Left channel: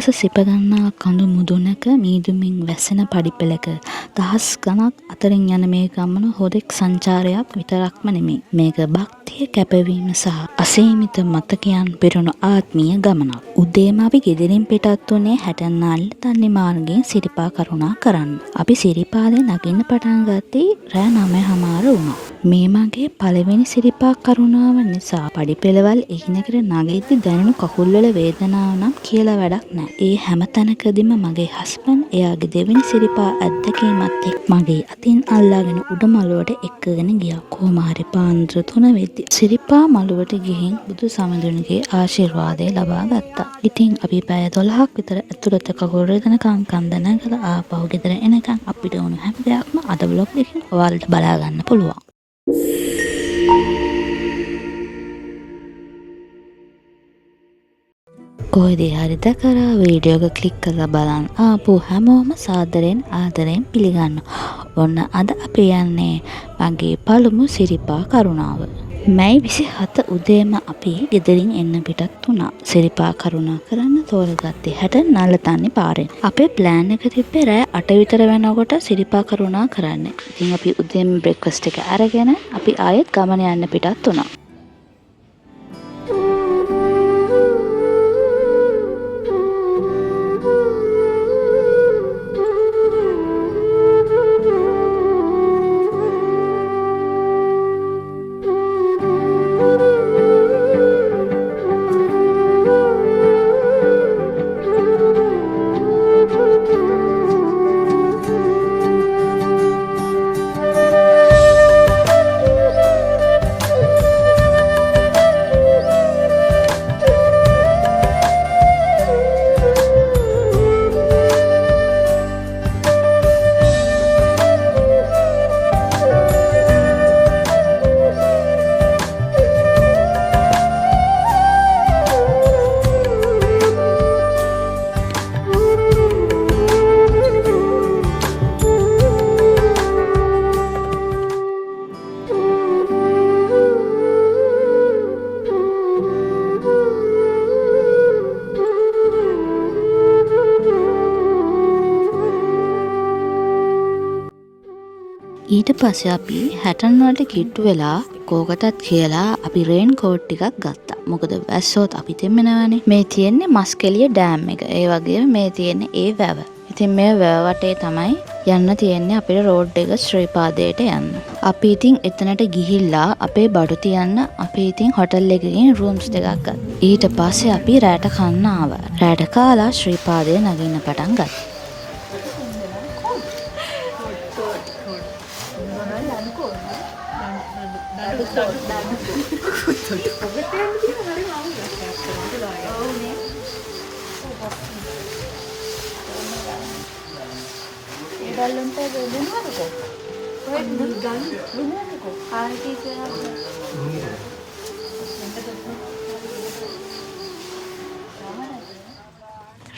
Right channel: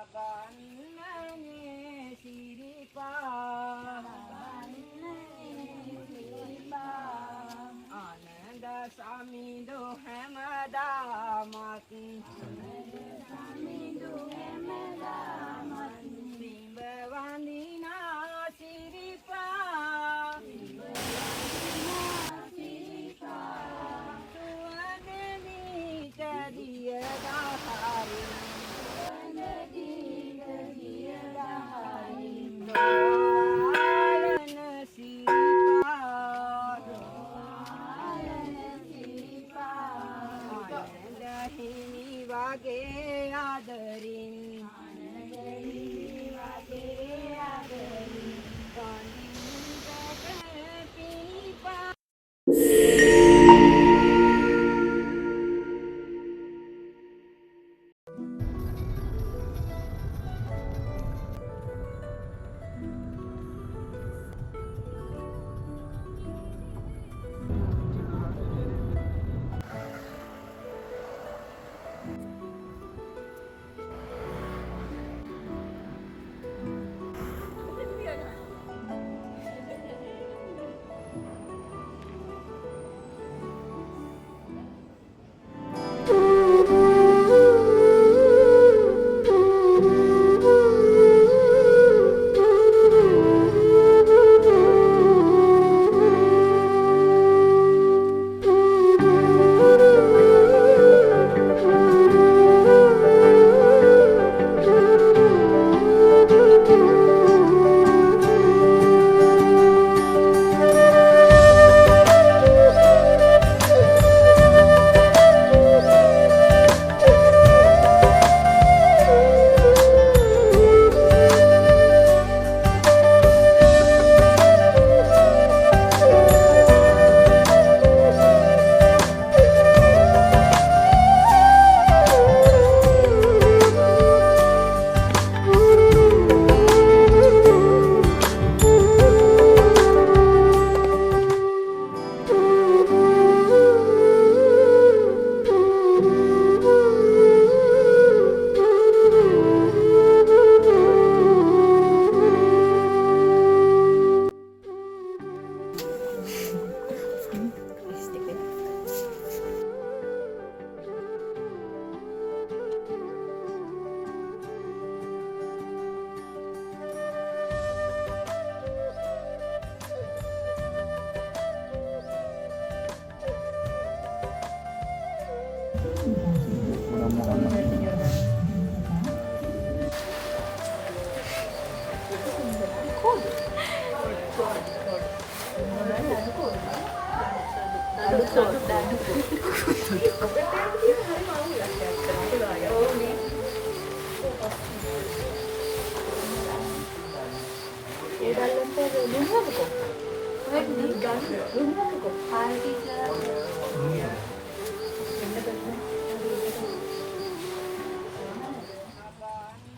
අහස සිපගන්නා කඳු මුදුනක මීදුමින් වැසෙන පඩිපෙළක දහස් ගණක් අතරින් යන මේ ගමන හොදෙක් සංචාරයක් විතරක්ම නෙමෙයි. මේක භක්තිය කැපවීම සහ අසීමිත මතකයන් පිරුණු ආත්මීය ගමනක්. උදේම අපි ගෙදරින් පිටත් වුණේ හැටන්නාල්ල තන්නේ මාර්ගයෙන් සිරිපා කරුණා කරන්න. අපි සිරිපාදේ නගින්න පටන් ගත්තේ රෑ 9:00 වුණා. මේ මගේ පළවෙනි සිරිපා කරුණාව නිසා පඩිපෙළවල් එකිනෙකට නගිද්දි දැනුණු කකුල්වල වේදනාව නම් කියලා වැඩක් නැහැ. ඒ හැම තැනකදීම මගේ හස්බන්ඩ් එයාගේ දෙවෙනි සිරිපා අත්දැකීමත් එක්ක මගේ අතින් අල්ලාගෙන උඩ මළුවට එක්කගෙන ගියා. කොහොම හරි පාන්දර 3 වෙද්දි සිරිපා මළුවට ගිහින් බුදු සමඳුන්ගේ ආශිර්වාදය ලබා ගත්තා. ඉතින් අපි පැය 12ක් විතර ඇතුළත කකුල් රිදෙනකම් කන්ද නැගලා ආපහු ගෙදර එනකම් අපිට වුණ හැම දෙයක්ම අද බ්ලොග් එකෙන් ඔයාලට බලා ගන්න පුළුවන්. කොහෙදී හරි දැකලා වීඩියෝ එක ක්ලික් කරලා බලන්න ආපු හැමෝම සාදරයෙන් ආදරයෙන් පිළිගන්න. ඔන්න අද අපි යන්නේ මගේ පළමු සිරිපා කරුණාව. මැයි 27 උදේම අපි ගෙදරින් එන්න පිටත් වුණා. සිරිපා කරුණා කරන්න තෝරගත්තේ නල්ලතන්නේ පාරෙන්. අපේ ප්ලෑන් එක තිබ්බේ රෑ 8 විතර වෙනකොට සිරිපා කරුණා කරන්න. ඉතින් අපි උදේම බ්‍රෙක්ෆාස්ට් එක අරගෙන අපි ආයෙත් ගමන යන්න පිටත් වුණා. ඊට පස්සේ අපි හැටන් වලට කිට්ටු වෙලා කෝකටත් කියලා අපි රේන් කෝට් ටිකක් ගත්තා. මොකද වැස්සොත් අපි දෙමනවනේ. මේ තියෙන්නේ මස්කෙලිය ඩෑම් එක. ඒ වගේම මේ තියෙන්නේ ඒ වැව. ඉතින් මේ වැව වටේ තමයි යන්න තියෙන්නේ අපේ රෝඩ් එක ශ්‍රීපාදයට යන්න. අපි ඉතින් එතනට ගිහිල්ලා අපේ බඩු තියන්න අපි ඉතින් හොටල් එකකින් රූම්ස් දෙකක් ගත්තා. ඊට පස්සේ අපි රැට කන්න ආවා. රැට කාලා ශ්‍රීපාදේ නගින්න පටන් ගත්තා.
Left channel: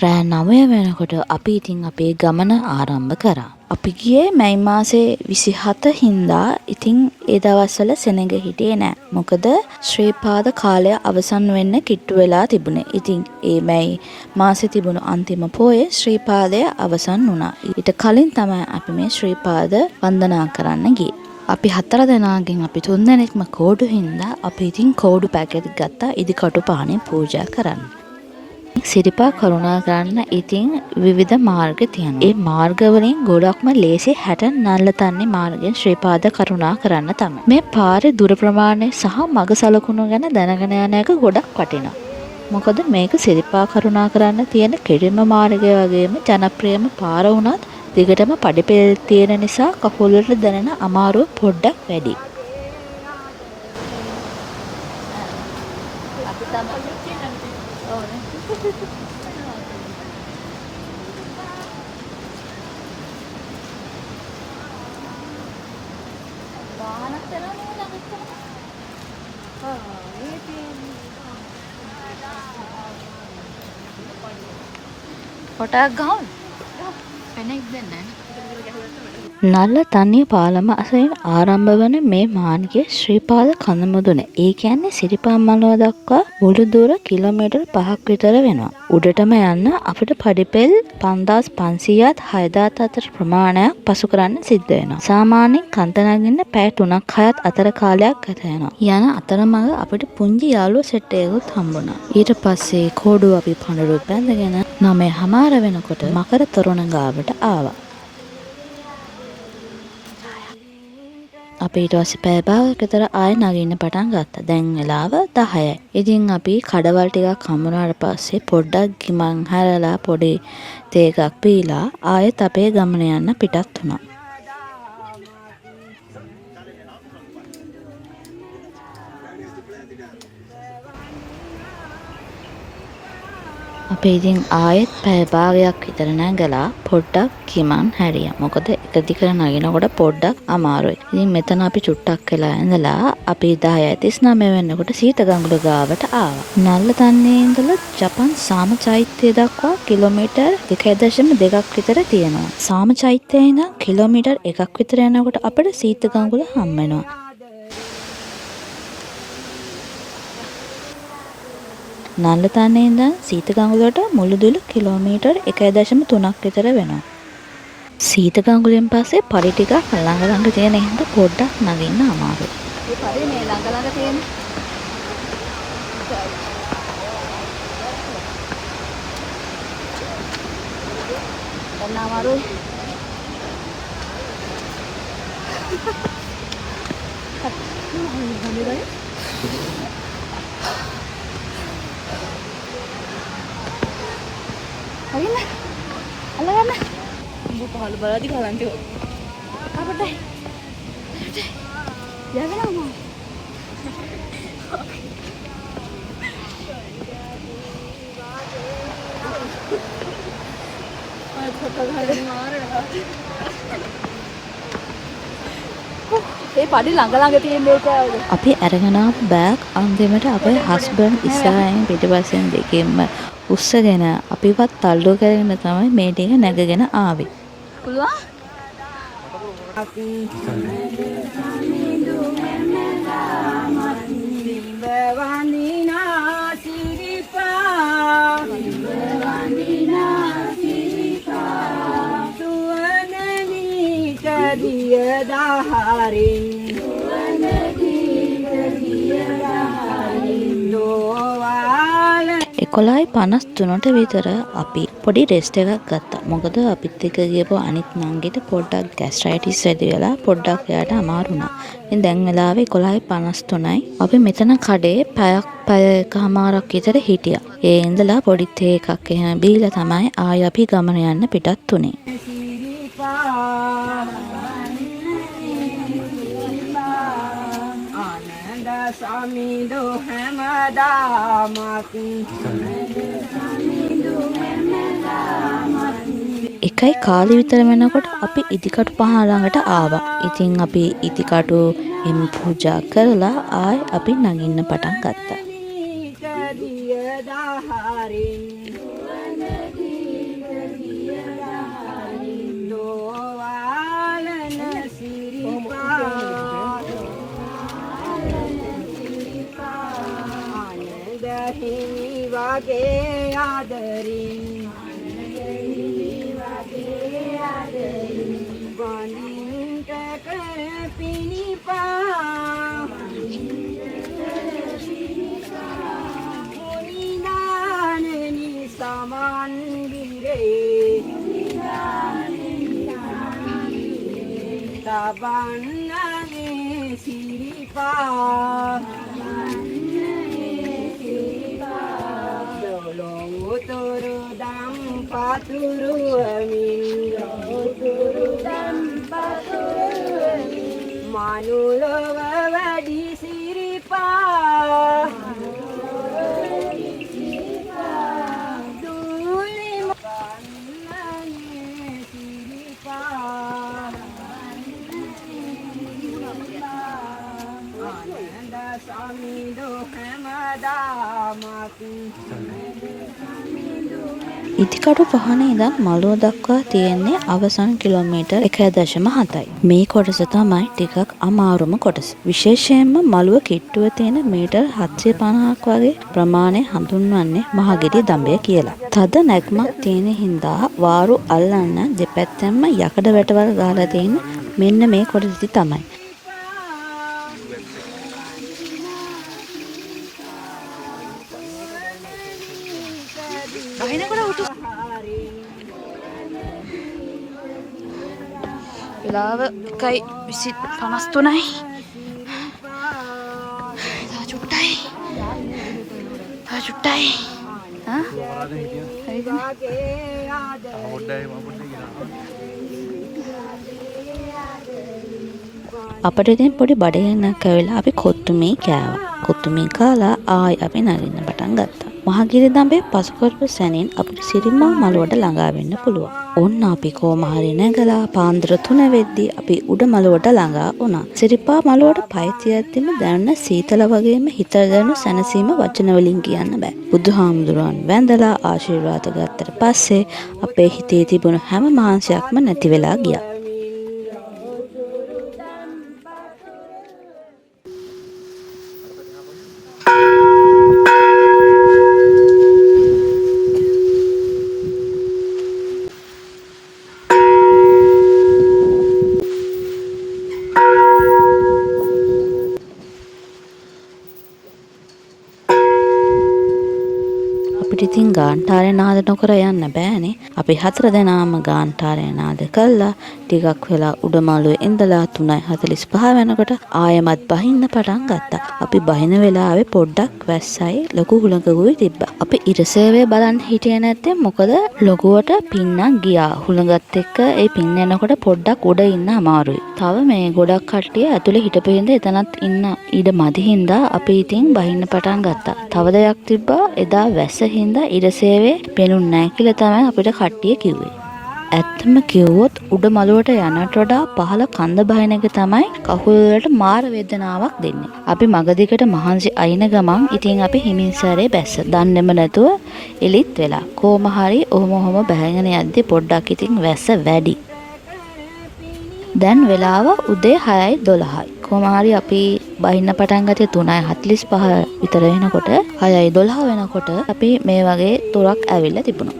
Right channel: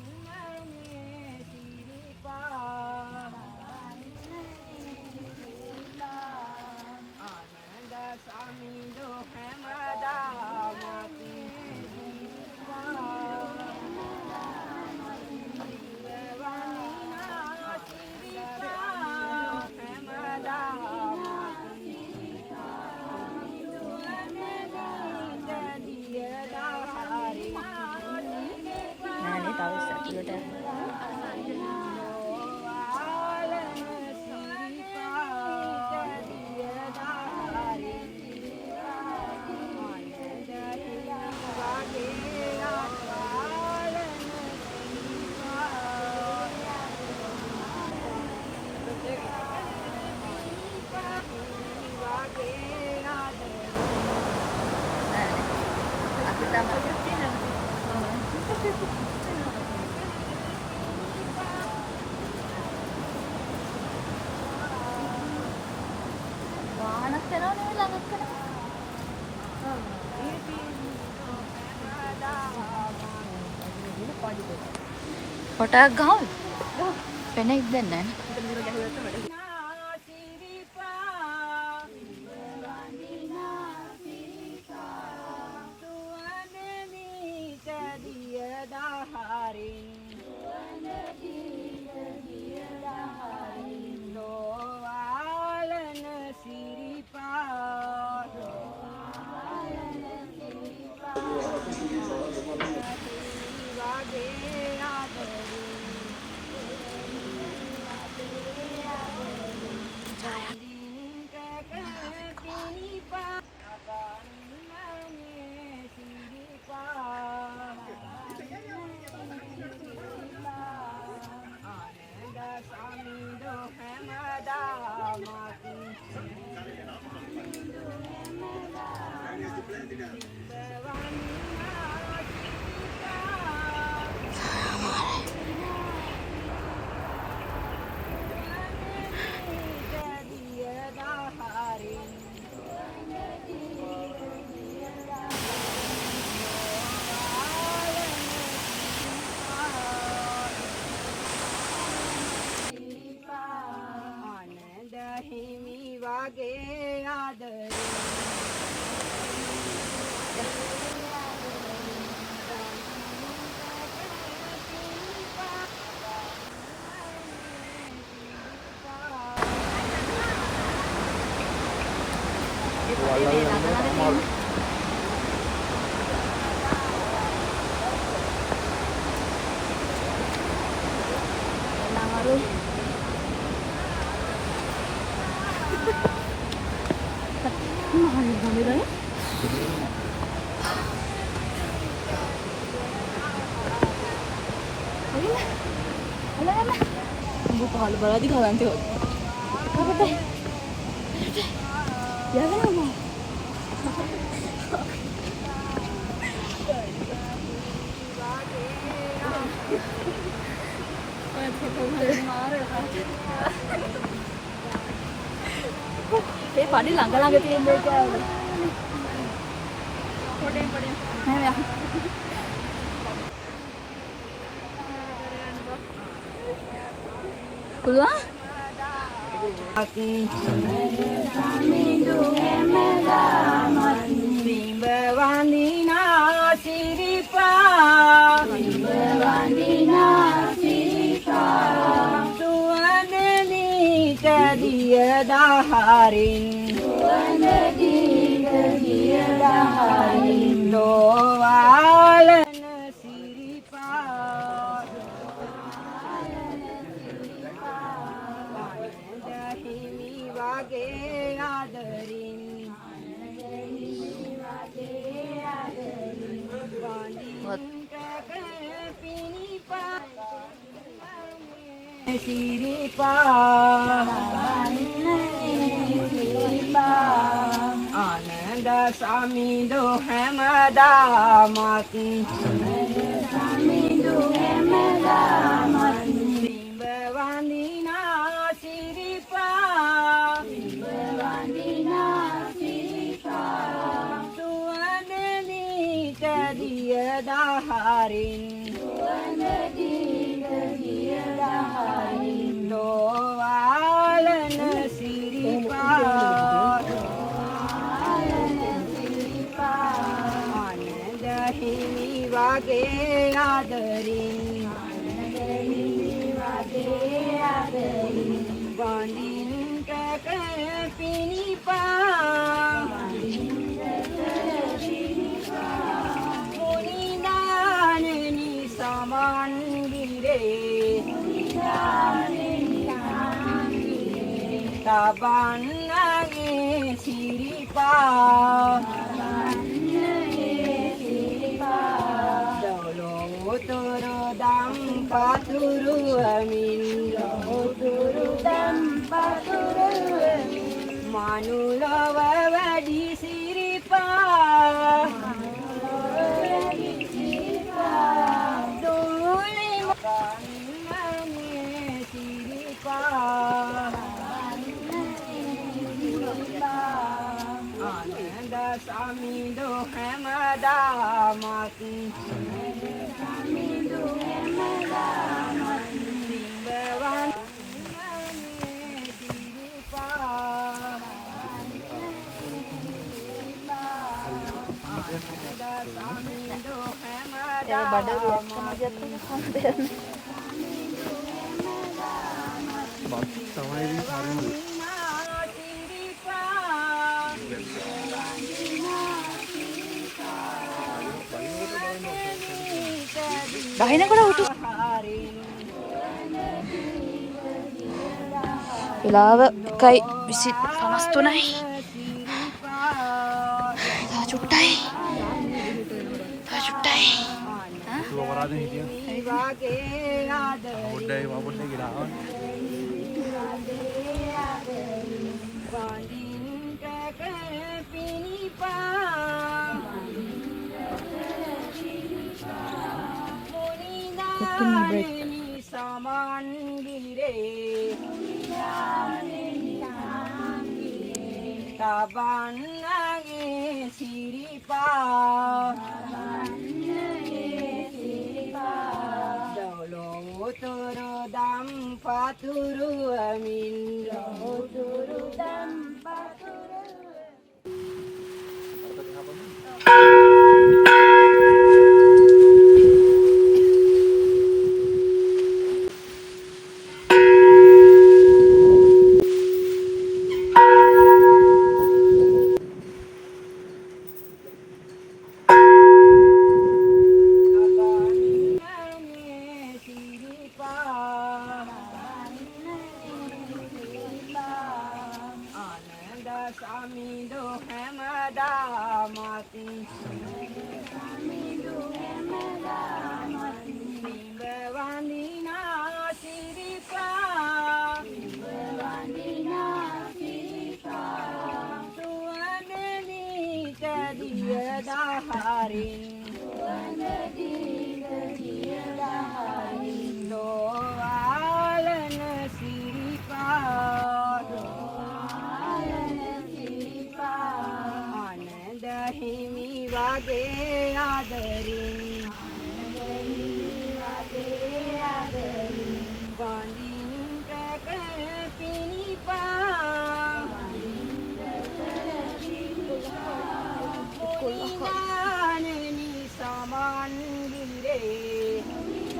රෑ 9 වෙනකොට අපි ඉතින් අපේ ගමන ආරම්භ කරා. අපි ගියේ මැයි මාසේ 27 හින්දා. ඉතින් ඒ දවස්වල සෙනඟ හිටියේ නෑ. මොකද ශ්‍රීපාද කාලය අවසන් වෙන්න කිට්ටු වෙලා තිබුණේ. ඉතින් ඒ මැයි මාසේ තිබුණු අන්තිම පෝයේ ශ්‍රීපාදය අවසන් වුණා. ඊට කලින් තමයි අපි මේ ශ්‍රීපාද වන්දනා කරන්න ගියේ. අපි 4 දෙනාගෙන් අපි 3 දෙනෙක්ම කෝඩු හින්දා අපි ඉතින් කෝඩු පැකට් ගත්තා ඉදිකටු පානේ පූජා කරන්න. සිරිපා කරුණා කරන්න ඉතින් විවිධ මාර්ග තියෙනවා. ඒ මාර්ග වලින් ගොඩක්ම ලේසි නල්ලතන්නේ මාර්ගයෙන් ශ්‍රීපාද කරුණා කරන්න තමයි. මේ පාරේ දුර ප්‍රමාණය සහ මග සලකුණු ගැන දැනගෙන යන එක ගොඩක් වටිනවා. මොකද මේක සිරිපා කරුණා කරන්න තියෙන කෙටිම මාර්ගය වගේම ජනප්‍රියම පාර වුණත් දිගටම පඩිපෙළ තියෙන නිසා කකුල් වලට දැනෙන අමාරුව පොඩ්ඩක් වැඩි. අපි තමයි වාහනක් කරනවනේ ළඟට කරනවා. කොටක් ගහන්න. පෙනෙක් දෙන්නේ නැහැ. නල්ල තන්නිය පාලම අසයෙන් ආරම්භ වන මේ මාර්ගය ශ්‍රීපාද කඳමුදුන. ඒ කියන්නේ සිරිපා මළුව දක්වා මුළු දුර කිලෝමීටර් 5ක් විතර වෙනවා. උඩටම යන්න අපිට පඩිපෙල් 5500ත් 6000ත් අතර ප්‍රමාණයක් පසු කරන්න සිද්ධ වෙනවා. සාමාන්‍යයෙන් කන්ද නගින්න පැය 3ක් 6ක් අතර කාලයක් ගත වෙනවා. යන අතරමඟ අපිට පුංචි යාළුවෝ සෙට් එකකුත් හම්බුණා. ඊට පස්සේ කෝඩුව අපි පඳුරුත් බැඳගෙන 9:00 වෙනකොට මකර තොරණ ගාවට ආවා. අපි ඊට පස්සේ පැය භාගයක් විතර ආයෙ නගින්න පටන් ගත්තා. දැන් වෙලාව 10යි. ඉතින් අපි කඩවල් ටිකක් හම්බුනාට පස්සේ පොඩ්ඩක් ගිමන් හැරලා පොඩි තේ එකක් පීලා ආයෙත් අපේ ගමන යන්න පිටත් වුණා. අපි ඉතින් ආයෙත් පැය භාගයක් විතර නැගලා පොඩ්ඩක් ගිමන් හැරියා. මොකද එක දිගට නගිනකොට පොඩ්ඩක් අමාරුයි. ඉතින් මෙතන අපි චුට්ටක් වෙලා ඉඳලා අපි 10:39 වෙනකොට සීතගඟුල ගාවට ආවා. නල්ලතන්නේ ඉඳලා ජපන් සාම චෛත්‍යය දක්වා කිලෝමීටර් 2.2ක් විතර තියෙනවා. සාම චෛත්‍යයේ ඉඳන් කිලෝමීටර් 1ක් විතර යනකොට අපිට සීතගඟුල හම්බ වෙනවා. නල්ලතන්නේ ඉඳන් සීතගඟුලට මුළු දුර කිලෝමීටර් 1.3ක් විතර වෙනවා. සීතගඟුලෙන් පස්සේ පඩි ටිකක් ළඟ ළඟ තියෙන හින්දා පොඩ්ඩක් නගින්න අමාරුයි. මේ පඩි මේ ළඟ ළඟ තියෙන. දැන් අමාරුයි. හරිනේ. අල්ලගන්න. උඹ පහළ බලද්දි ගලන් තියෝ. අපතේ. යගනම. ඔය ෆොටෝ ගහගෙන මාරනවා. ඒ පඩි ළඟ ළඟ තියෙන එක අපි අරගෙන ආපු බෑග් අන්තිමට අපේ හස්බන්ඩ් ඉස්සරහින් පිටිපස්සෙන් දෙකෙන්ම උස්සගෙන අපිවත් තල්ලු කරගෙන තමයි මේ ටික නැගගෙන ආවේ. පුළුවන්? එකොළයි 53ට විතර අපි පොඩි රෙස්ට් එකක් ගත්තා. මොකද අපිත් එක්ක ගියපු අනිත් නංගිට පොඩ්ඩක් ગેස්ට්‍රයිටිස් වැඩි වෙලා පොඩ්ඩක් එයාට අමාරු වුණා. ඉතින් දැන් වෙලාවේ 11:53යි. අපි මෙතන කඩේ පැය එකමාරක් විතර හිටියා. ඒ ඉඳලා පොඩි තේ එකක් එහෙම බීලා තමයි ආයෙ අපි ගමන යන්න පිටත් උනේ. සමිඳු හැමදාමත් 1යි කාලේ විතර වෙනකොට අපි ඉදිකටු පහ ළඟට ආවා. ඉතින් අපි ඉදිකටු පූජා කරලා ආයෙ අපි නගින්න පටන් ගත්තා. හිමි වගේ ආදරේ වඳින්ට කර පිනිපා මුනිදානනි සමන් බිරේ තබන්නගේ සිරිපා මනුලොව වැඩි සිරිපා දුලි මන්නේ සිරිපා ආනන්ද සමිඳු හැමදාමත් ඉදිකටු පහනේ ඉඳන් මළුව දක්වා තියෙන්නේ අවසන් කිලෝමීටර් 1.7යි. මේ කොටස තමයි ටිකක් අමාරුම කොටස. විශේෂයෙන්ම මළුව කිට්ටුව තියෙන මීටර් 750ක් වගේ ප්‍රමාණය හඳුන්වන්නේ මහගිරි දඹය කියලා. තද නැග්මක් තියෙන හින්දා වාරු අල්ලන්න දෙපැත්තෙන්ම යකඩ වැටවල් ගහලා තියෙන මෙන්න මේ කොටස තමයි. බහිනකොට උතු වෙලාව 1:53යි. චුට්ටයි. අපිට ඉතින් පොඩි බඩගින්නක් ඇවිල්ලා අපි කොත්තුමී කෑවා. කොත්තුමී කාලා ආයි අපි නගින්න පටන් ගත්තා. මහගිරි දඹේ පසුකොටු සැනින් අපිට සිරිමා මළුවට ළඟා වෙන්න පුළුවන්. ඔන්න අපි කොහොම හරි නැගලා පාන්දර 3 වෙද්දී අපි උඩ මළුවට ළඟා වුණා. සිරිපා මළුවට පය තියද්දිම දැනෙන සීතල වගේම හිත දැනෙන සැනසීම වචන වලින් කියන්න බෑ. බුදුහාමුදුරන් වැඳලා ආශිර්වාද ගත්තට පස්සේ අපේ හිතේ තිබුණ හැම මාංශයක්ම නැති වෙලා ගියා. ඉතින් ගාන්ටාරේ නාද නොකර යන්න බෑනේ. අපි 4 දෙනාම ගාන්ටාරේ නාද කළා. ටිකක් වෙලා උඩ මාළුවේ ඉඳලා 3:45 වෙනකොට ආයෙමත් බහින්න පටන් ගත්තා. අපි බහින වෙලාවේ පොඩ්ඩක් වැස්සයි ලොකු හුළඟකුයි තිබ්බා. අපි ඉරසේවේ බලන් හිටියේ නැත්තේ මොකද ලොකුවට පින්නක් ගියා. හුළඟත් එක්ක ඒ පින්න එනකොට පොඩ්ඩක් උඩ ඉන්න අමාරුයි. තව මේ ගොඩක් කට්ටිය ඇතුලේ හිටපු හින්දා එතනත් ඉන්න ඉඩ මදි හින්දා අපි ඉතින් බහින්න පටන් ගත්තා. තව දෙයක් තිබ්බා එදා වැස්ස හින්දා ඉරසේවේ පෙනුන්නේ නැහැ කියලා තමයි අපිට කට්ටිය කිව්වේ. ඇත්තම කිව්වොත් උඩ මළුවට යනට වඩා පහළ කන්ද බහින එක තමයි කකුල් වලට මාර වේදනාවක් දෙන්නේ. අපි මගදිකට මහන්සි අයින ගමන් ඉතින් අපි හිමින්සාරේ බැස්ස. දන්නේම නැතුව එලිත් වෙලා. කොහොම හරි ඔහොම බහගෙන යද්දි පොඩ්ඩක් ඉතින් වැස්ස වැඩි. දැන් වෙලාව උදේ 6:12යි. කොහොම හරි අපි බහින්න පටන් ගත්තේ 3:45 විතර වෙනකොට 6:12 වෙනකොට අපි මේ වගේ තොරක් ඇවිල්ලා තිබුණා.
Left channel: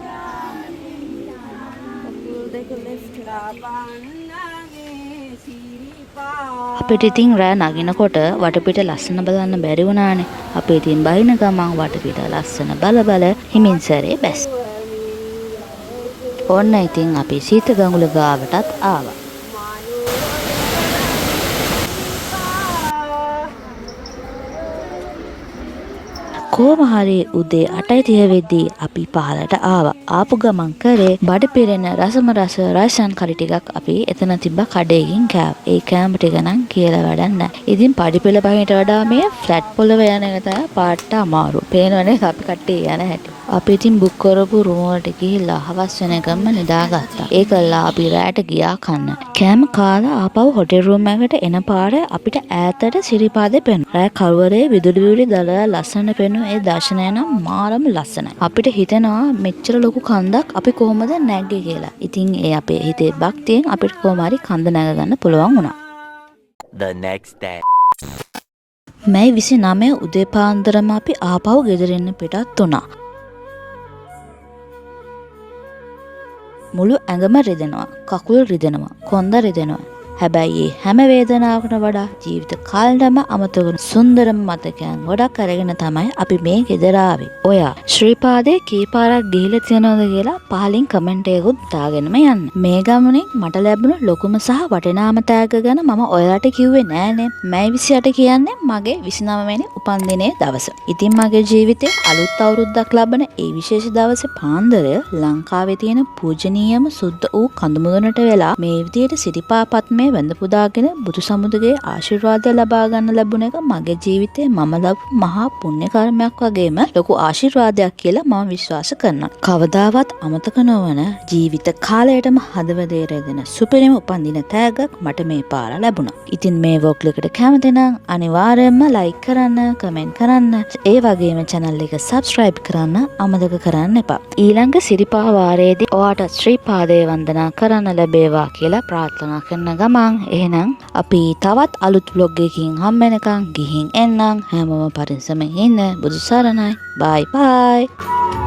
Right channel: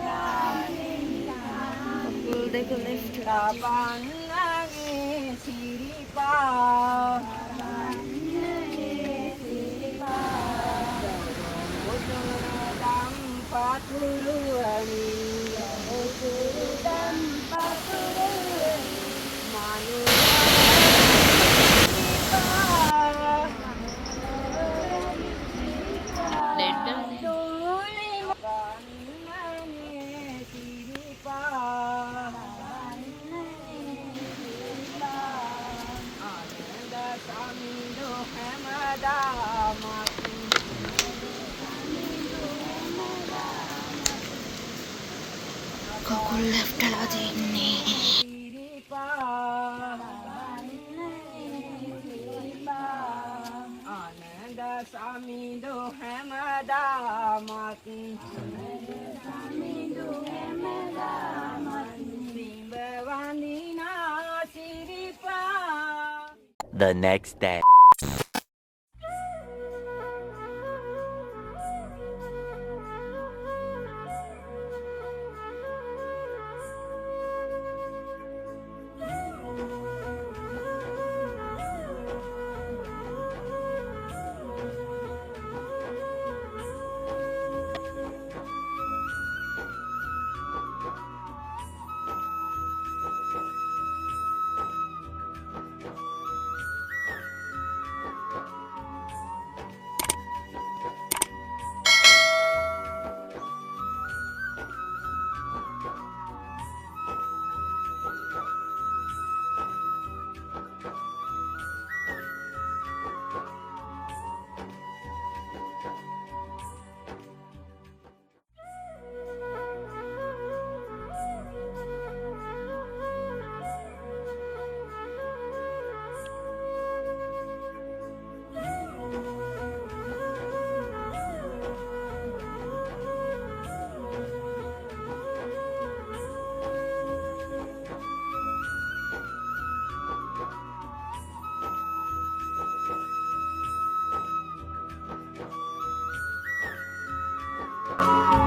අපිට ඉතින් රෑ නගිනකොට වටපිට ලස්සන බලන්න බැරි වුණානේ. අපි ඉතින් බහින ගමන් වටපිට ලස්සන බල හිමින්සරේ බැස්. ඕන්න ඉතින් අපි සීත ගඟුල ගාවටත් ආවා. කොහොම හරි උදේ 8:30 වෙද්දී අපි පහලට ආවා. ආපු ගමන් කරේ බඩ පිරෙන රසම රස රයිසන් කරි ටිකක් අපි එතන තිබ්බ කඩේකින් කෑවා. ඒ කෑම ටික නම් කියලා වැඩක් නැහැ. ඉතින් පඩිපෙළ පහින්ට වඩා මේ ෆ්ලැට් පොළව යන එක තමයි පාට අමාරු. පේනවනේ අපි කට්ටිය යන හැටි. අපි ඉතින් බුක් කරපු රුම වලට ගිහිල්ලා හවස් වෙනකම්ම නිදාගත්තා. ඒකල්ලා අපි රැට ගියා කන්න. කෑම කාලා ආපහු හොටෙල් රූම් එකට එන පාරේ අපිට ඈතට සිරිපාදේ පෙනුණා. රෑ කරුවරේ විදුලි දලලා ලස්සන පෙනුන ඒ දර්ශනය නම් මාරම ලස්සනයි. අපිට හිතෙනවා මෙච්චර ලොකු කන්දක් අපි කොහොමද නැග්ගේ කියලා. ඉතින් ඒ අපේ හිතේ භක්තියෙන් අපිට කොහොම හරි කන්ද නැග ගන්න පුළුවන් වුණා. The next day. මැයි 29 උදේ පාන්දරම අපි ආපහු ගෙදරින් පිටත් වුණා. මුළු ඇඟම රිදෙනවා, කකුල් රිදෙනවා, කොන්ද රිදෙනවා. හැබැයි හැම වේදනාවකට වඩා ජීවිත කාලෙම අමතක වුණු සුන්දරම මතකයන් ගොඩක් අරගෙන තමයි අපි මේ ගෙදර ආවේ. ඔයා ශ්‍රීපාදේ කීපාරක් ගිහිල්ලා තියෙනවද කියලා පහලින් කමෙන්ට් එකකුත් දාගෙනම යන්න. මේ ගමනේ මට ලැබුණු ලොකුම සහ වටිනාම තෑග්ග ගැන මම ඔයාලට කිව්වේ නෑනේ. මැයි 28 කියන්නේ මගේ 29 වෙනි උපන්දිනයේ දවස. ඉතින් මගේ ජීවිතේ අලුත් අවුරුද්දක් ලබන ඒ විශේෂ දවසේ පාන්දර ලංකාවේ තියෙන පූජනීයම සුද්ධ වූ කඳුමුදුනට වෙලා මේ විදියට සිරිපා පත්මේ මේ වැඳ පුදාගෙන බුදු සමුදගේ ආශිර්වාදය ලබා ගන්න ලැබුණ එක මගේ ජීවිතේ මම ලබපු මහා පුණ්‍ය කර්මයක් වගේම ලොකු ආශිර්වාදයක් කියලා මම විශ්වාස කරනවා. කවදාවත් අමතක නොවන ජීවිත කාලයටම හදවතේ රැඳෙන සුපිරිම උපන්දින තෑග්ගක් මට මේ පාර ලැබුණා. ඉතින් මේ වොග් එකට කැමති නම් අනිවාර්යයෙන්ම ලයික් කරන්න, කමෙන්ට් කරන්න, ඒ වගේම channel එක subscribe කරන්න අමතක කරන්න එපා. ඊළඟ සිරිපා වාරයේදී ඔයාට ශ්‍රී පාදයේ වන්දනා කරන්න ලැබේවා කියලා ප්‍රාර්ථනා කරන ගමන් එහෙනම් අපි තවත් අලුත් vlog එකකින් හම්බෙනකන් ගිහින් එන්නම්. හැමෝම පරිස්සමෙන් ඉන්න. බුදු සරණයි. bye bye.